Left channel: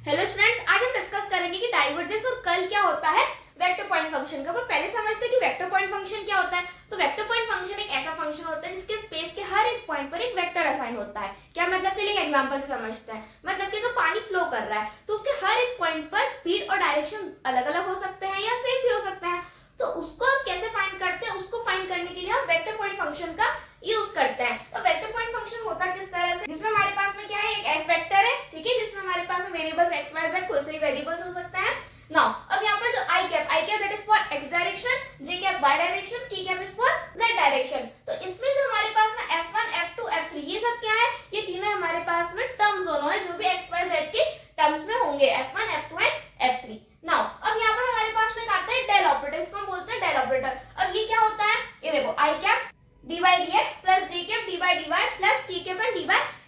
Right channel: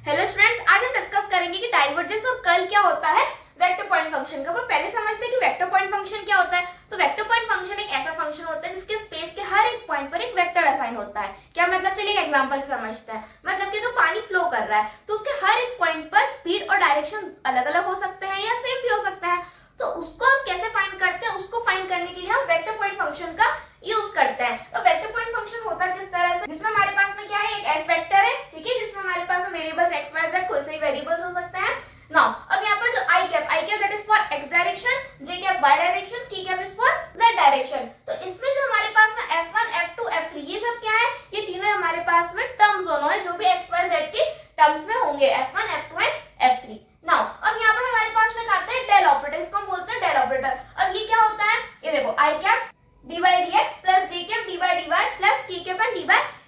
Hello students, आज हम discuss करेंगे कि डाइवर्जेंस और कर्ल क्या होता है वेक्टर पॉइंट फंक्शन का। पहले समझते हैं कि वेक्टर पॉइंट फंक्शन क्या होता है। तो वेक्टर पॉइंट फंक्शन एक ऐसा फंक्शन होता है जिसके स्पेस के हर एक पॉइंट पर एक वेक्टर असाइन होता है। क्या मतलब, चलिए एक एग्जांपल से समझते हैं। मतलब कि अगर पानी फ्लो कर रहा है तो उसके हर एक पॉइंट पर स्पीड और डायरेक्शन अलग अलग हो सकते हैं या सेम भी हो सकता है। तो उसको हम कैसे फाइंड करते हैं, उसको फाइंड करने के लिए हम वेक्टर पॉइंट फंक्शन का यूज करते हैं। तो वेक्टर पॉइंट फंक्शन होता किस तरह से, जिसमें हमारे पास में क्या है, एक एफ वेक्टर है, ठीक है, जिसमें हमारे पास में वेरिएबल्स एक्स वाई जेड कोई से भी वेरिएबल्स हो सकते हैं। नाउ अब यहाँ पर जो I cap that is for X direction, J cap Y direction, T cap is for Z direction. तो इसमें जो हमारे पास में F1 F2 F3 ये सब क्या है, ये तीनों हमारे पास में टर्म्स दोनों है जो भी एक्स वाई जेड के टर्म्स में होंगे, F1 F2 and F3। Now अब यहाँ पर हमारे पास में आता है डेल ऑपरेटर, इसको हम बोलते हैं डेल ऑपरेटर। अब ये क्या होता है, ये देखो आई cap dy dx plus j cap dy dy plus p cap and dy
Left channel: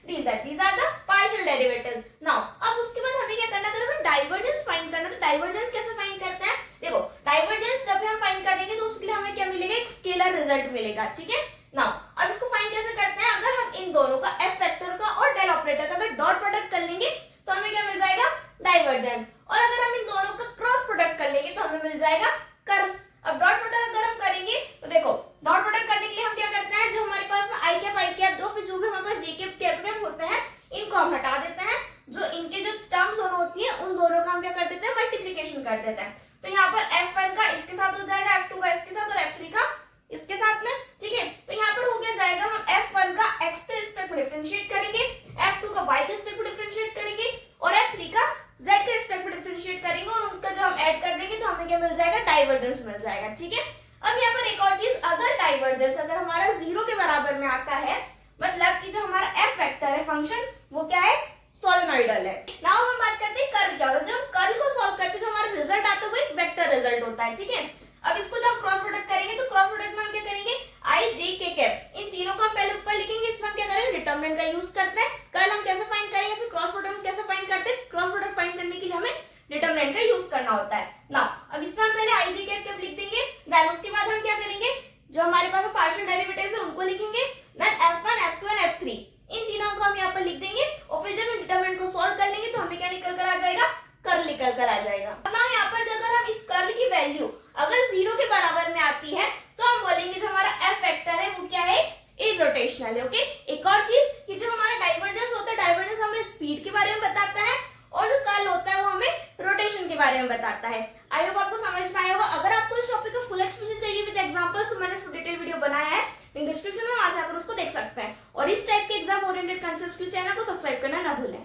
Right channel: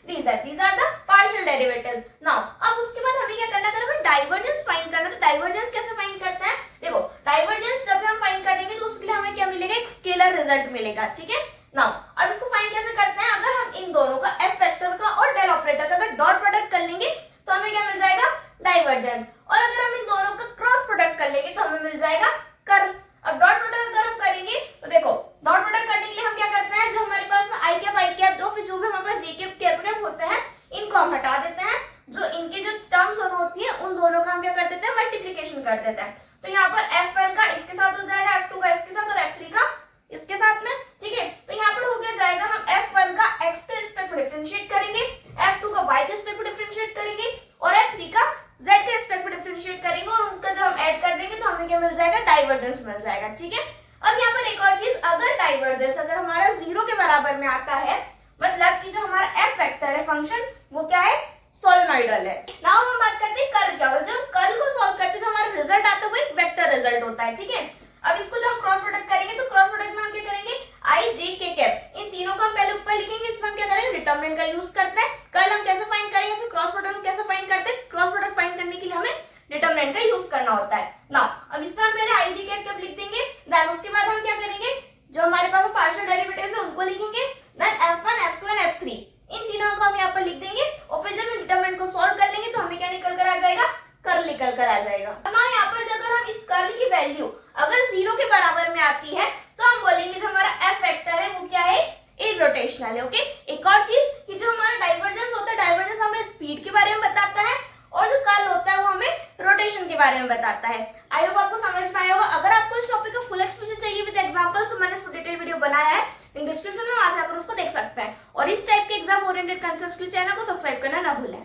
dz, these are the partial derivatives. now अब उसके बाद हमें क्या करना है, हमें डाइवर्जेंस फाइंड करना है। तो डाइवर्जेंस कैसे फाइंड करते हैं, देखो डाइवर्जेंस जब हम फाइंड करेंगे तो उसके लिए हमें क्या मिलेगा, एक स्केलर रिजल्ट मिलेगा, ठीक है। नाउ अब इसको फाइंड कैसे करते हैं, अगर हम इन दोनों का एफ वेक्टर का और डेल ऑपरेटर का अगर डॉट प्रोडक्ट कर लेंगे तो हमें क्या मिल जाएगा, डाइवर्जेंस। और अगर हम इन दोनों का क्रॉस प्रोडक्ट कर लेंगे तो हमें मिल जाएगा कर्ल। अब डॉट प्रोडक्ट अगर हम करेंगे तो देखो डॉट प्रोडक्ट करने के लिए हम क्या करते हैं, जो हमारे पास में आई कैप दो, फिर जो भी हमारे पास जे कैप होते हैं इनको हम हटा देते हैं। जो इनके जो टर्म्स दोनों होती है उन दोनों का हम क्या कर देते हैं, मल्टीप्लिकेशन कर देते हैं। तो यहाँ पर F1 का इसके साथ हो जाएगा, F2 का इसके साथ और F3 का इसके साथ में, ठीक है। तो यहाँ पर हो गया जाएगा, हम F1 का x के रिस्पेक्ट में डिफरेंशिएट करेंगे, F2 का y के रिस्पेक्ट में डिफरेंशिएट करेंगे और F3 का z के रिस्पेक्ट में डिफरेंशिएट करेंगे और उनका जब हम ऐड कर देंगे तो हमें क्या मिल जाएगा, डाइवर्जेंस मिल जाएगा, ठीक है। अब यहाँ पर एक और चीज, अगर डाइवर्जेंस अगर हमारा 0 के बराबर में आता है, मतलब कि जो हमारा एफ वेक्टर है फंक्शन वो क्या है, सोलेनोइडल है। नाउ हम बात करते हैं कर्ल क्या होता है। जब कर्ल को सॉल्व करते हैं तो हमारा रिजल्ट आता है वो एक वेक्टर रिजल्ट होता है, ठीक है। अब इसको जब क्रॉस प्रोडक्ट करेंगे तो क्रॉस प्रोडक्ट में हम क्या करेंगे, आई जे के कैप, इन तीनों को हम पहले ऊपर लिखेंगे, इसमें हम क्या करेंगे, डिटरमिनेंट का यूज करते हैं। कर्ल हम कैसे फाइंड करेंगे, फिर क्रॉस प्रोडक्ट हम कैसे फाइंड करते हैं, क्रॉस प्रोडक्ट फाइंड करने के लिए हमें डिटरमिनेंट का यूज करना होता है। नाउ अब इसमें हम पहले आई जे कैप लिख देंगे, देन उसके बाद हम क्या करेंगे, जो हमारे पास पार्शियल डेरिवेटिव्स है उनको लिखेंगे, then F1 F2 and F3 इन तीनों को हम यहाँ पर लिख देंगे और फिर जब डिटरमिनेंट को सॉल्व कर लेंगे तो हमें क्या निकल कर आ जाएगा, कर्ल निकल कर आ जाएगा। अब ना यहाँ पर अगर हम इस कर्ल की वैल्यू अगर 0 के बराबर में आती है तो हम बोलेंगे जो हमारा F वेक्टर है वो क्या है, इररोटेशनल है, ओके। एक और चीज कि जो हमारा डाइवर्जेंस होता है, डाइवर्जेंस हमें स्पीड के बारे में बताता है और जो कर्ल होता है वो हमें रोटेशन के बारे में बताता है। आई होप आपको समझ में आया होगा। अगर आपको इस टॉपिक का फुल एक्सप्लेनेशन चाहिए विद एग्जांपल्स तो मैंने इस पर डिटेल वीडियो बनाया है, लिंक डिस्क्रिप्शन में वहां से आकर उसको देख सकते हैं। और इस टाइप के एग्जाम ओरिएंटेड कांसेप्ट्स के चैनल को सब्सक्राइब करना ना भूलें।